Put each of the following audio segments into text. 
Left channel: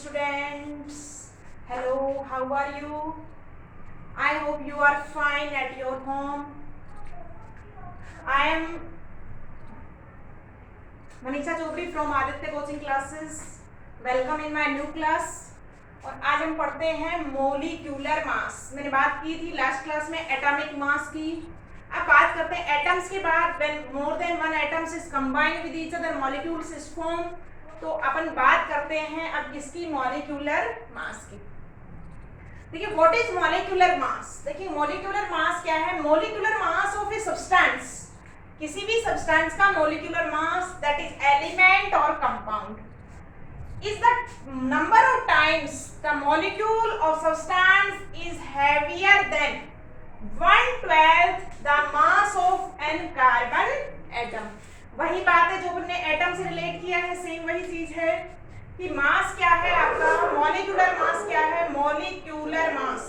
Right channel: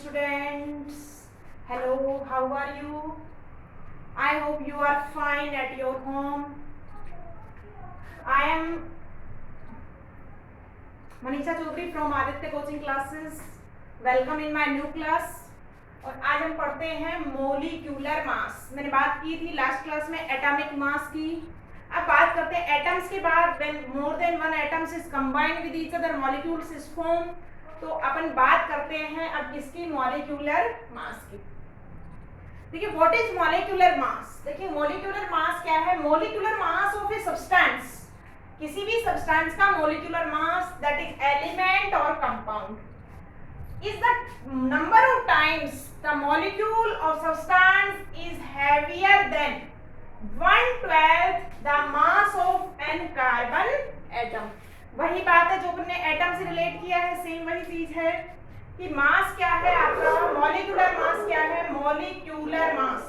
students. Hello, how are you? I hope you are fine at your home. I am Manisha Chaudhary from Aditya Coaching Classes. Welcome in my new class. और आज हम पढ़ते हैं molecular मास. मैंने बात की थी लास्ट क्लास में एटॉमिक मास की. अब बात करते हैं एटम्स के बाद. When more than one atoms is combined with each other molecules is form. तो अपन बात करते हैं अब किसकी, मॉलिक्यूलर मास की. देखिए व्हाट इज मॉलिक्यूलर मास. देखिए मॉलिक्यूलर मास क्या है. Molecular mass of a substance, किसी भी सब्सटेंस का molecular mass that is element और compound is the number of times the molecule of substance is heavier than 1/12 the mass of an carbon atom. वही बात है जो हमने एटम से रिलेट किया है, सेम वही चीज है कि मास क्या है आपका, मॉलिक्यूलर मास क्या है. Molecular mass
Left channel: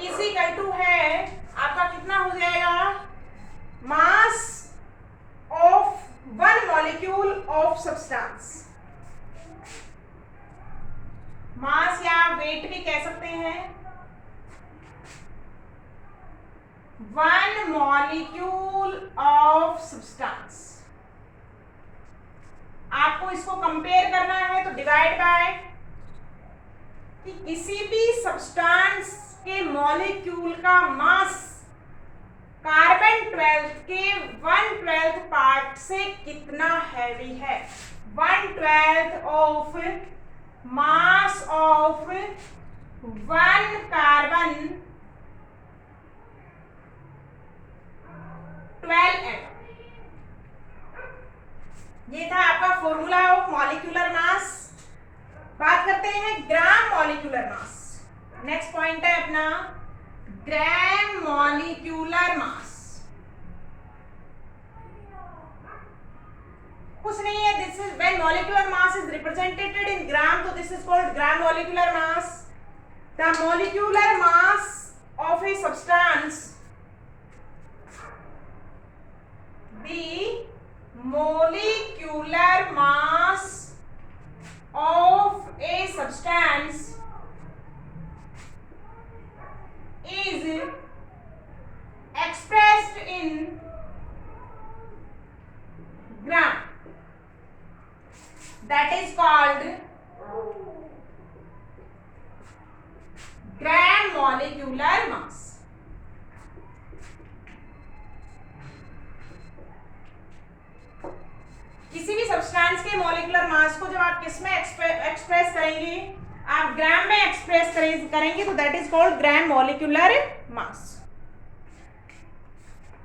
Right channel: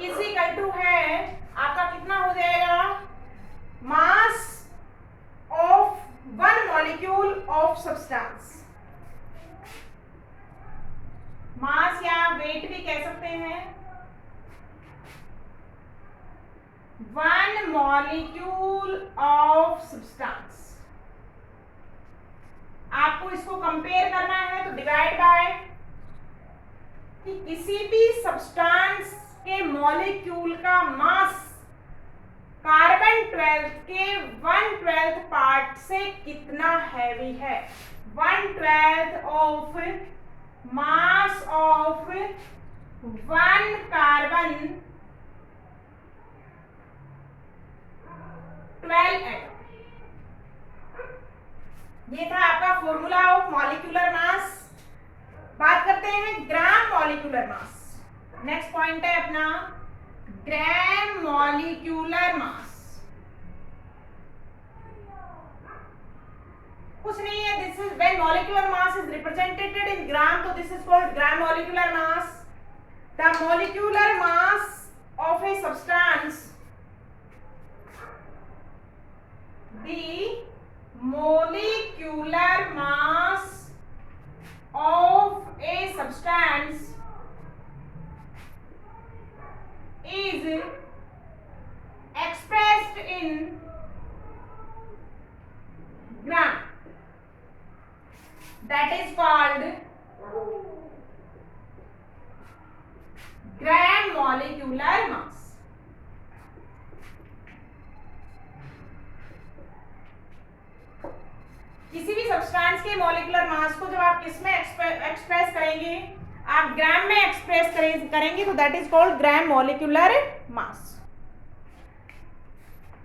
is equal to है आपका कितना हो जाएगा, mass of one molecule of substance. Mass या वेट भी कह सकते हैं. One molecule of substance. आपको इसको कंपेयर करना है तो डिवाइड बाय कि किसी भी सब्सटेंस के मॉलिक्यूल का मास कार्बन 12 के 1/12 पार्ट से कितना हैवी है. 1/12 of mass of one carbon 12 atom. ये था आपका फॉर्मूला ऑफ मॉलिक्यूलर मास. बात करते हैं gram molecular mass. Next point है अपना ग्राम मॉलिक्यूलर मास. कुछ नहीं है, this is when molecular mass is represented in gram, तो this is called gram molecular mass. The molecular mass of a substance, the molecular mass of a substance is expressed in gram. That is called gram molecular mass. किसी भी substance के molecular mass को जब आप किस में express करेंगे, आप ग्राम में एक्सप्रेस करेंगे तो that is called gram molecular mass.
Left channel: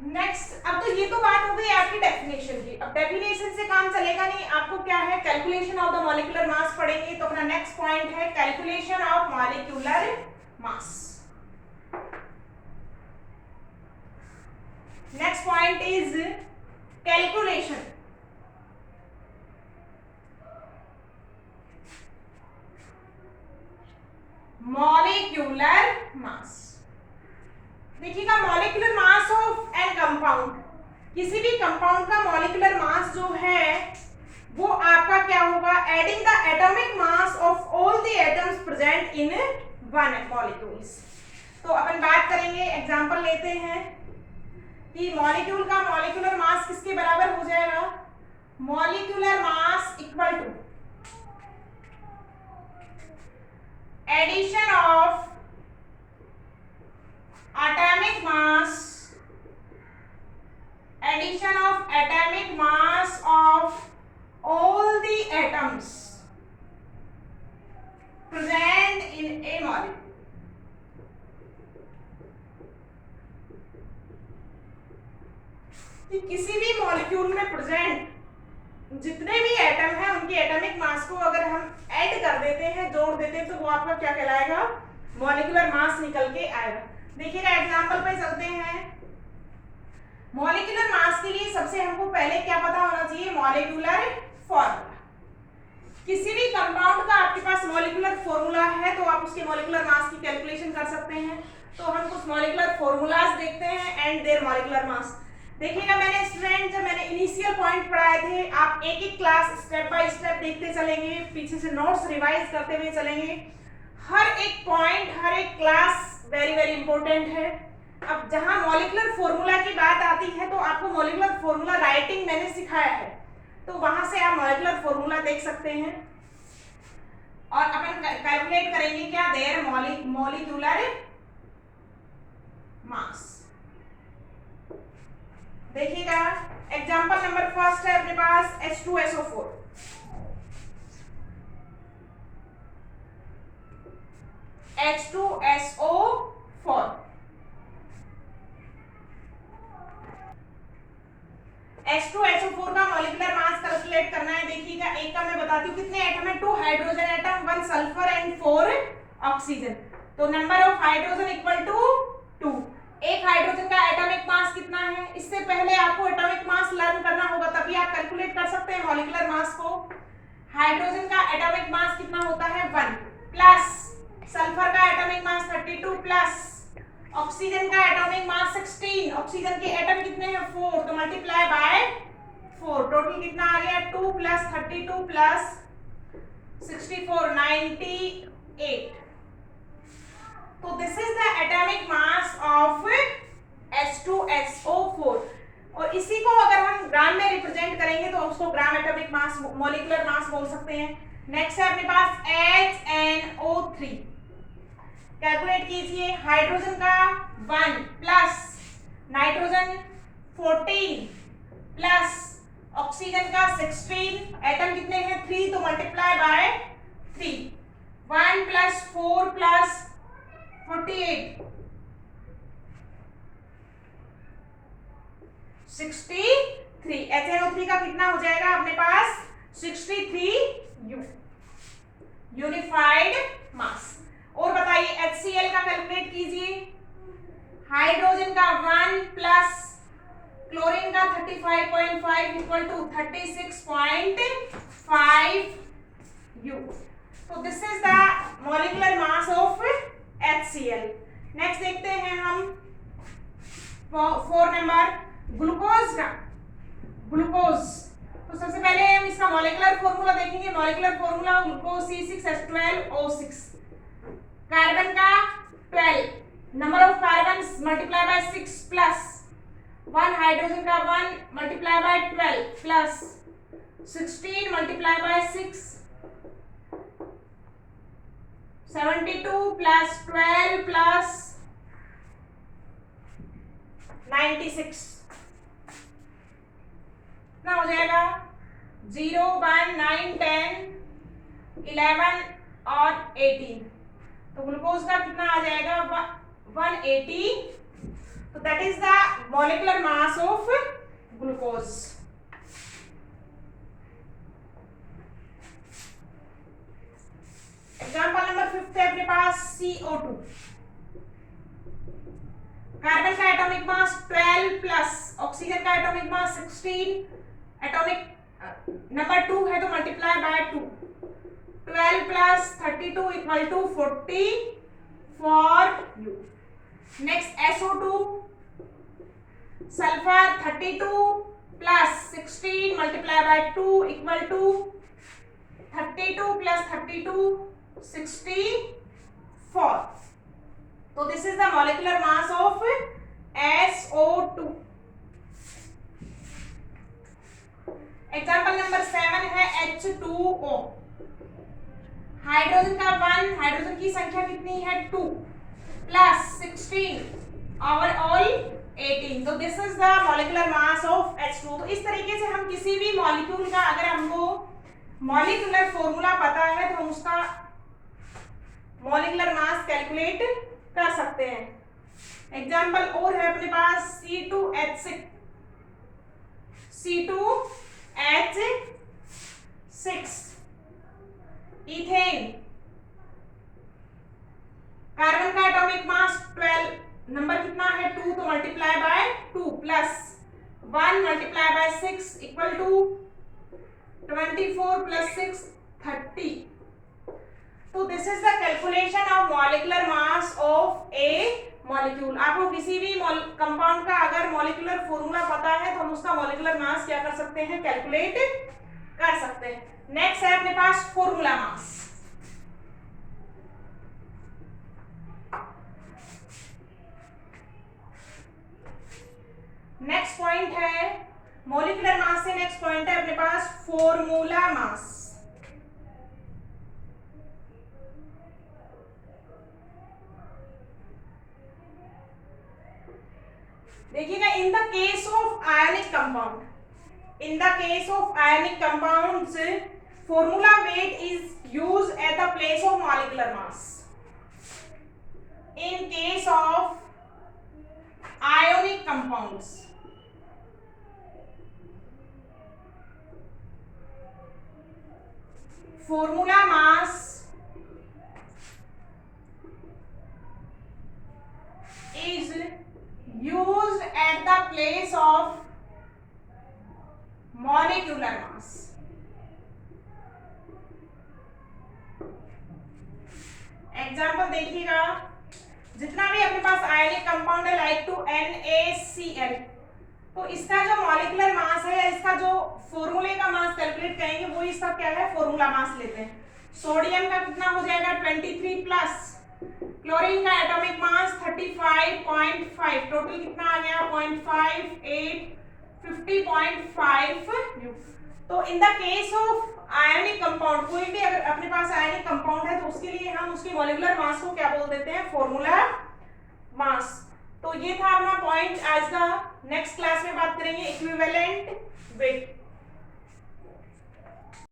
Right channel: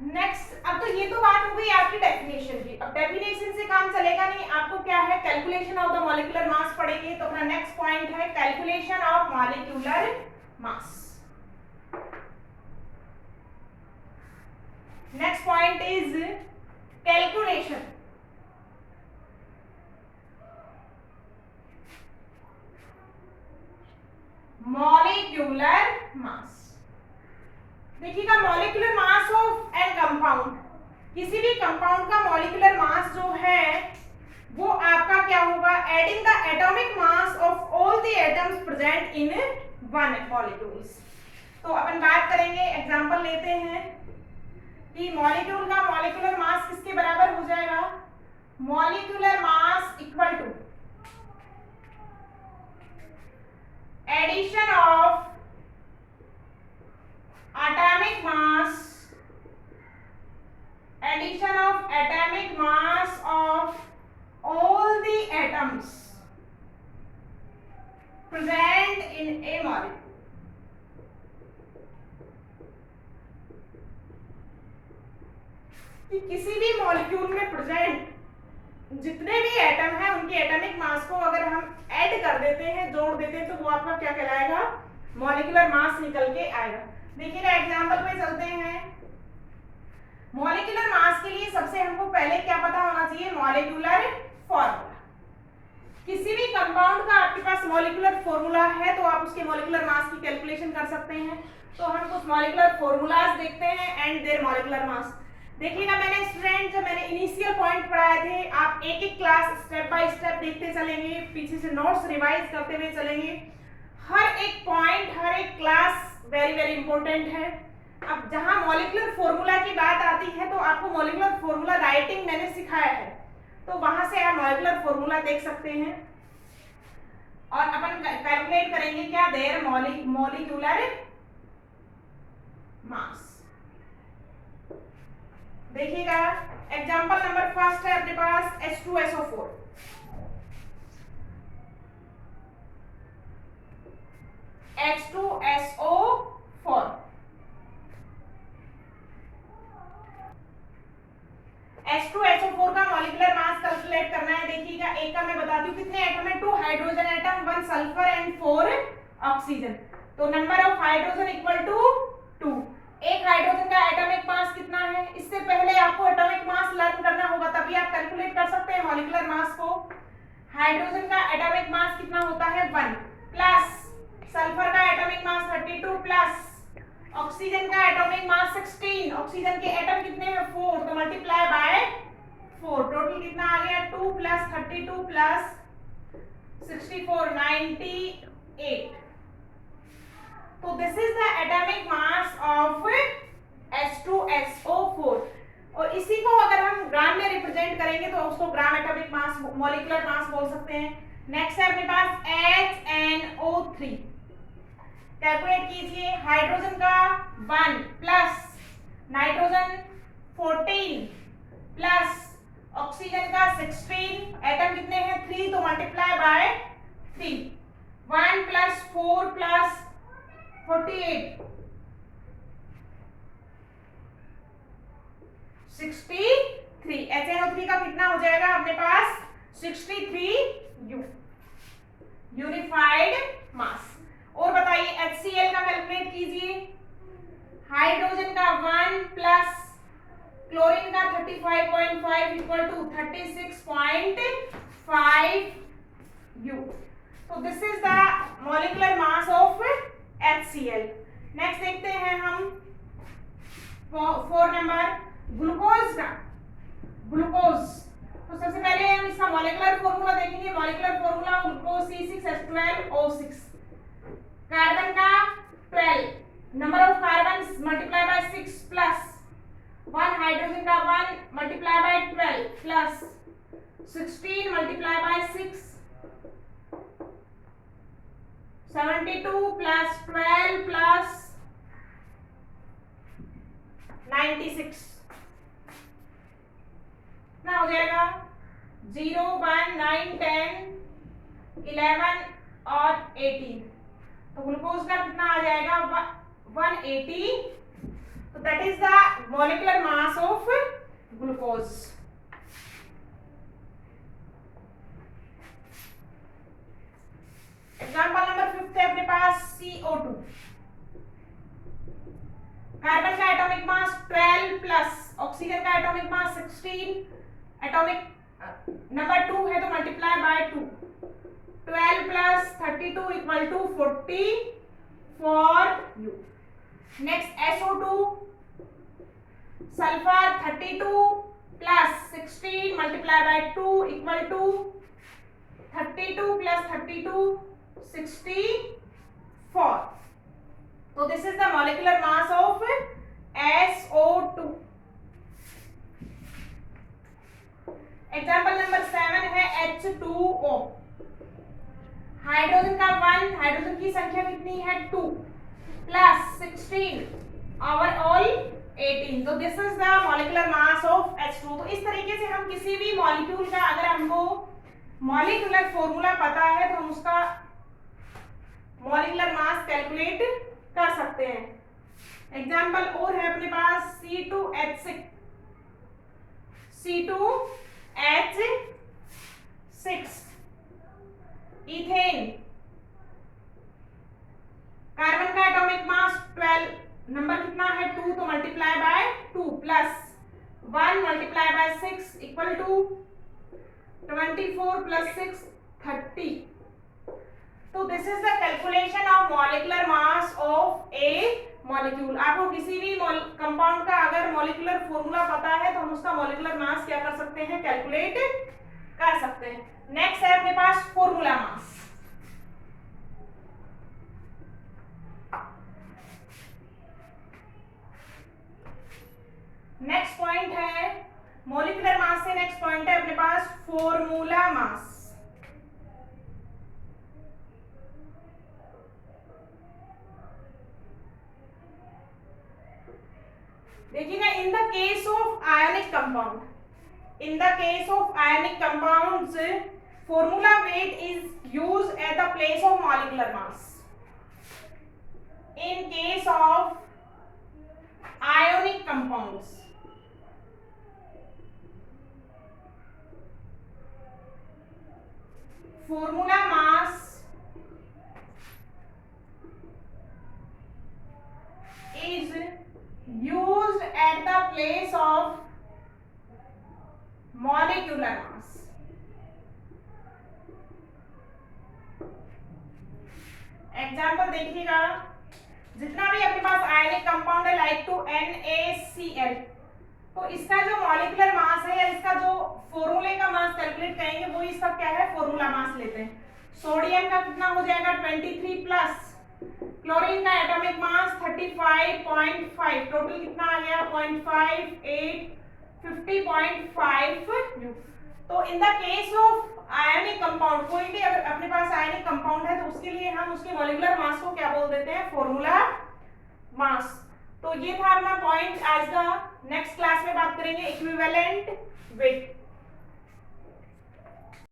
Next, अब तो ये तो बात हो गई आपकी डेफिनेशन की. अब डेफिनेशन से काम चलेगा नहीं, आपको क्या है, calculation of the molecular mass पढ़ेंगे. तो अपना नेक्स्ट पॉइंट है calculation of molecular mass. Next point is calculation molecular mass. देखिएगा molecular mass of an compound, किसी भी कंपाउंड का मॉलिक्यूलर मास जो है वो आपका क्या होगा, adding the atomic mass of all the atoms present in one molecules. तो अपन बात करेंगे, एग्जांपल लेते हैं कि मॉलिक्यूल का मॉलिक्यूलर मास किसके बराबर हो जाएगा. Molecular mass equal to addition of atomic mass, addition of atomic mass of all the atoms present in a molecule. किसी भी मॉलिक्यूल में प्रेजेंट जितने भी एटम हैं उनकी एटॉमिक मास को अगर हम ऐड कर देते हैं, जोड़ देते हैं, तो वो आपका क्या कहलाएगा, मॉलिक्यूलर मास निकल के आएगा. देखिएगा एग्जांपल पे चलते हैं. मॉलिक्यूलर मास के लिए सबसे हमको पहले क्या पता होना चाहिए, मॉलिक्यूलर फॉर्मूला. किसी भी कंपाउंड का आपके पास मॉलिक्यूलर फॉर्मूला है तो आप उसके मॉलिक्यूलर मास की कैलकुलेशन कर सकते हैं. तो हम कुछ मॉलिक्यूलर फॉर्मूलाज देखते हैं एंड देयर मॉलिक्यूलर मास. देखिएगा मैंने स्टूडेंट, जब मैंने इनिशियल पॉइंट पढ़ाए थे, आप एक एक क्लास स्टेप बाय स्टेप देखते चलेंगे, पीछे से नोट्स रिवाइज करते हुए चलेंगे। हर एक पॉइंट, हर एक क्लास वेरी वेरी इंपॉर्टेंट है। अब जहां मॉलिक्यूलर फॉर्मूला की बात आती है तो आपको मॉलिक्यूलर फॉर्मूला राइटिंग मैंने सिखाया है, तो वहां से आप मॉलिक्यूलर फॉर्मूला देख सकते हैं। और अपन कैलकुलेट करेंगे क्या, देयर मॉलिक्यूलर मास। देखिएगा एग्जांपल नंबर फर्स्ट है अपने पास H2SO4। H2SO4 H2SO4 का मॉलिक्यूलर मास कैलकुलेट करना है। देखिएगा एक का मैं बताती हूँ कितने एटम है, 2 hydrogen atom, 1 sulphur and 4 oxygen. तो number of hydrogen equal to 2। एक हाइड्रोजन का एटॉमिक मास कितना है, इससे पहले आपको एटॉमिक मास लर्न करना होगा, तभी आप कैलकुलेट कर सकते हैं मॉलिक्यूलर मास को। हाइड्रोजन का एटॉमिक मास कितना होता है 1, प्लस सल्फर का एटॉमिक मास 32, प्लस ऑक्सीजन का एटॉमिक मास 16। ऑक्सीजन के एटम कितने हैं 4, तो मल्टीप्लाई बाय 4, टोटल कितना आ गया 2 प्लस 32 प्लस 64, 98। तो this is the atomic mass of H2SO4। और इसी को अगर हम ग्राम में रिप्रेजेंट करेंगे तो उसको gram atomic mass, molecular mass बोल सकते हैं। नेक्स्ट है अपने पास HNO3। कैलकुलेट कीजिए, हाइड्रोजन का 1 प्लस नाइट्रोजन 14 प्लस ऑक्सीजन का 16, एटम कितने हैं 3, तो multiply bye 3, 1 plus 4 plus 48, 63। HNO3 का कितना हो जाएगा अपने पास 63 यूनिफाइड मास। और बताइए HCl का कैलकुलेट कीजिए, हाइड्रोजन का 1 प्लस क्लोरीन का 35.5 इक्वल टू 36.5 U। तो this is the molecular mass of HCl। Next देखते हैं हम 4 नंबर ग्लूकोज का। ग्लूकोज, तो सबसे पहले हम इसका मॉलिक्यूलर फॉर्मूला देखेंगे। Molecular formula glucose C6H12O6। Carbon का 12, number of carbons multiply by 6 plus 1 hydrogen का 1 multiply bye 12 plus 16 multiply by 6, 72 plus 12 plus 96 ना हो जाएगा 0, 1, 9, 10, 11 और 18। तो ग्लूकोज का कितना आ जाएगा 180। तो that is the molecular mass of glucose. Example number 5 है अपने पास CO2। कार्बन का एटॉमिक मास 12 प्लस ऑक्सीजन का एटॉमिक मास 16, एटॉमिक नंबर 2 है तो multiply by 2, 12 plus 32 equal to 44 U। Next SO2, sulphur 32 plus 16 multiply by 2 equal to 32 plus 32 64। तो this is the molecular mass of SO2। Example number 7 है H2O। Hydrogen का 1, hydrogen की संख्या कितनी है 2 plus 16 overall 18। तो this is the molecular mass of H2। तो इस तरीके से हम किसी भी मॉलिक्यूल का अगर हमको मॉलिक्यूलर फॉर्मूला पता है तो हम उसका मॉलिक्यूलर मास कैलकुलेट कर सकते हैं। एग्जाम्पल और है अपने पास C2H6। इथेन, कार्बन का एटॉमिक मास 12, नंबर कितना है 2, तो multiply by 2 plus 1 multiply by 6 equal to 24 plus 6 30। तो this is the calculation of molecular mass of a molecule. आपको किसी भी कंपाउंड का अगर मॉलिक्यूलर फॉर्मूला पता है तो हम उसका मॉलिक्यूलर मास क्या कर सकते हैं, कैलकुलेट कर सकते हैं। नेक्स्ट है अपने पास फॉर्मूला मास। नेक्स्ट पॉइंट है मॉलिक्यूलर मास से नेक्स्ट पॉइंट है अपने पास फॉर्मूला मास। देखिएगा, in the case of ionic compound, in the case of ionic compounds, formula weight is used at the place of molecular mass. In case of ionic compounds, formula mass is used at the place of molecular mass. Example देखिएगा, जितना भी अपने पास ionic compound है like to NaCl, तो इसका जो molecular mass है या इसका जो फॉर्मूले का मास कैलकुलेट करेंगे वो इसका क्या है, फॉर्मूला मास लेते हैं। सोडियम का कितना हो जाएगा 23 प्लस, क्लोरीन का एटॉमिक मास 35.5, टोटल कितना आ गया 0.58, 50.5। तो in the case of ionic compound, कोई भी अगर अपने पास आयनिक कंपाउंड है तो उसके लिए हम उसके मॉलिक्यूलर मास को क्या बोल देते हैं, फॉर्मूला मास। तो ये था अपना पॉइंट आज का। नेक्स्ट क्लास में बात करेंगे इक्विवेलेंट वेट।